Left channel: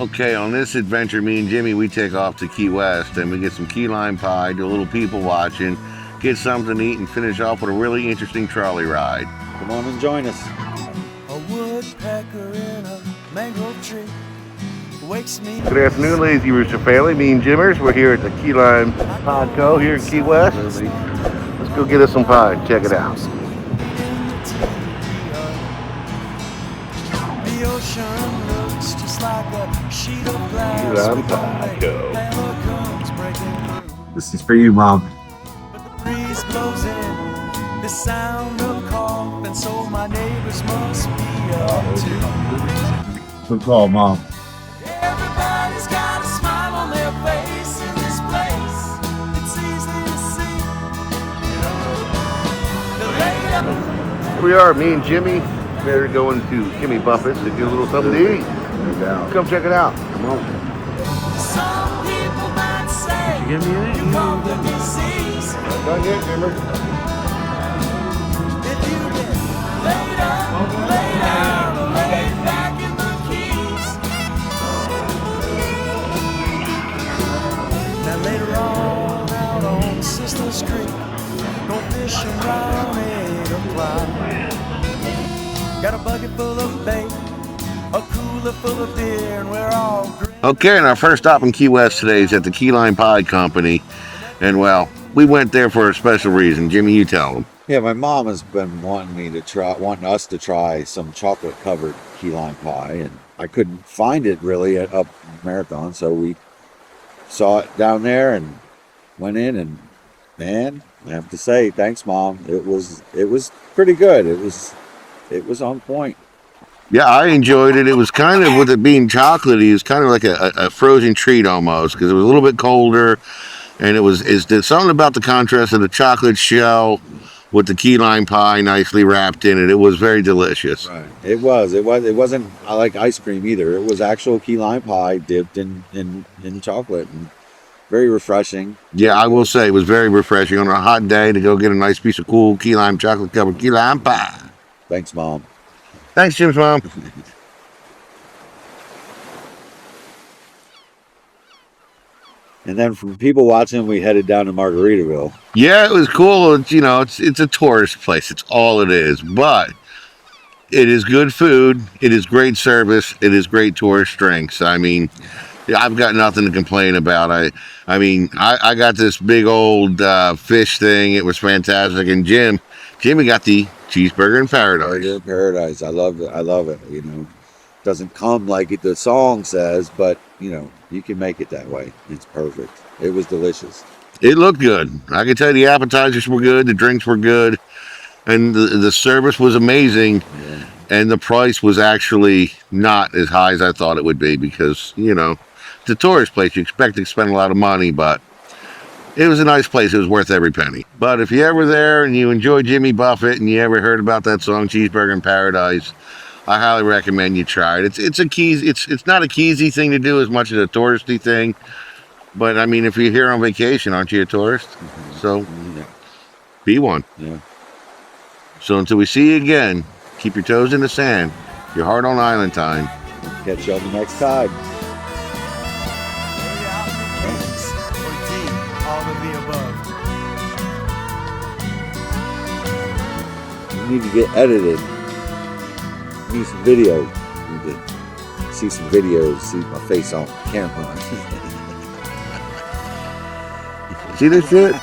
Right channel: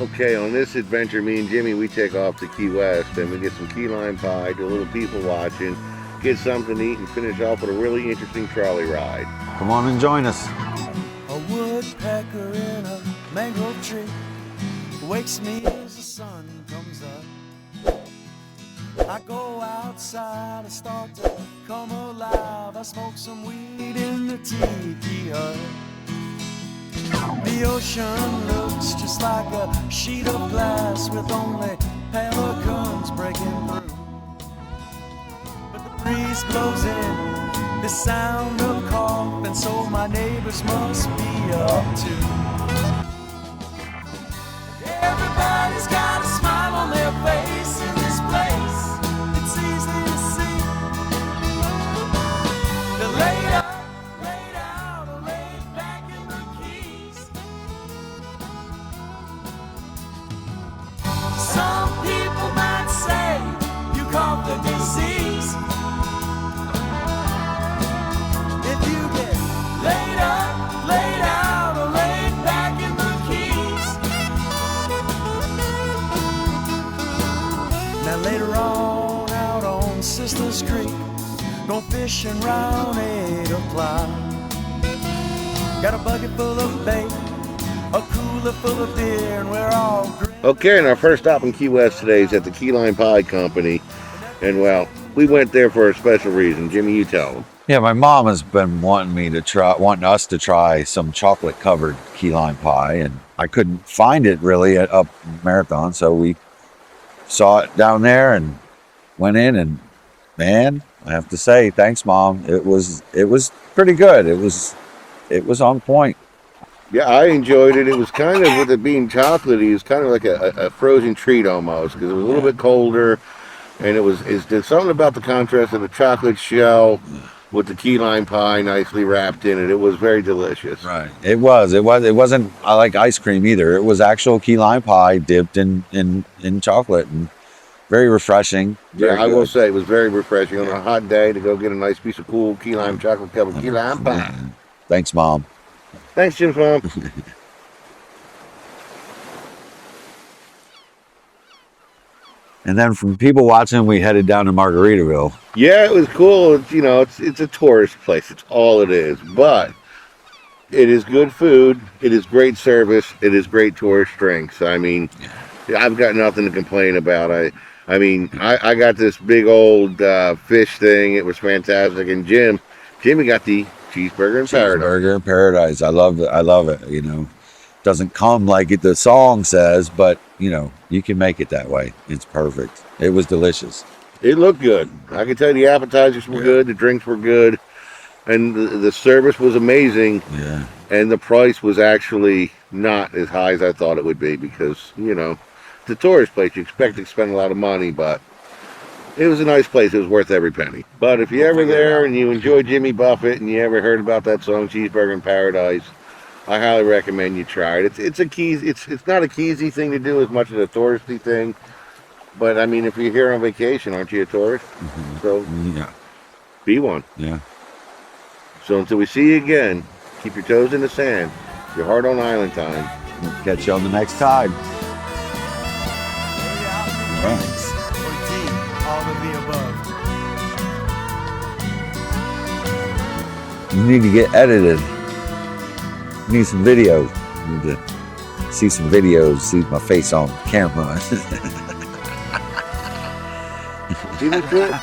Okay, on this adventure, me and Jimmy, we take off to Key West and we get some key lime pie, do a little people watching, get something to eat, and finish off with a really interesting trolley ride. Come on and join us. A woodpecker in a mangrove tree wakes me. Good afternoon, Lazy Rooster family. Me and Jimmers, we're here at the Key Lime Pie Co. here in Key West. Let's go get us some pie. Check it out. The ocean looks just like a sheet of glass with only pelicans breaking through. This is for you, Mom. But the breeze blows in, the sound of coughing, so my neighbors must be up too. Good call, Mom. Everybody's got a smile on their face in this place. It's easy to see. They're laid up. We are, me and Jimmy. We're going to Jimmy Buffett's to get a little something to eat. Come check it out. Come on. Some people might say you caught the disease. If you get laid up, laid out, or laid back in the keys. Now later on out on Sister's Creek, go fishing round 8 o'clock. Got a bucket full of bait, a cooler full of beer, and we're all green. Okay, and our first stop in Key West today is at the Key Lime Pie Company. And well, we went there for a special reason. Jimmy, you tell them. Yeah, my mom has been wanting us to try some chocolate-covered key lime pie, and I couldn't find it really at a marathon, so we saw it down there and went in, and man, I have to say, thanks, Mom. It was pretty good. It was on point. Yeah, I enjoyed it. It was kind of, with it being chocolatey, it was kind of like a frozen treat almost, because it was a little bit colder, and there's something about the contrast of the chocolate shell with the key lime pie nicely wrapped in it. It was very delicious. Right. It wasn't like ice cream either. It was actual key lime pie dipped in chocolate, and very refreshing. Yeah, I will say it was very refreshing on a hot day to go get a nice piece of cool key lime chocolate covered key lime pie. Thanks, Mom. Thanks, Jim's mom. And then from people watching, we headed down to Margaritaville. Yeah, it was cool. It's a tourist place. It's all it is. But it is good food. It is great service. It is great tourist drinks. I mean, I've got nothing to complain about. I got this big old fish thing. It was fantastic. And Jimmy got the Cheeseburger in Paradise. Cheeseburger in Paradise. I love it. You know, doesn't come like the song says, but you can make it that way. It's perfect. It was delicious. It looked good. I can tell you the appetizers were good, the drinks were good, and the service was amazing. Yeah. And the price was actually not as high as I thought it would be, because it's a tourist place. You expect to spend a lot of money, but it was a nice place. It was worth every penny. But if you're ever there and you enjoy Jimmy Buffett and you ever heard about that song Cheeseburger in Paradise, I highly recommend you try it. It's not a Keysy thing to do as much as a touristy thing. But I mean, if you're here on vacation, aren't you a tourist? Mm-hmm. So Yeah. be one. Yeah. So until we see you again, keep your toes in the sand, your heart on island time. Catch you on the next tide. Or D, all of the above. You need to get edited. You need some video. You need to see some videos, see my face on camera. See this shit?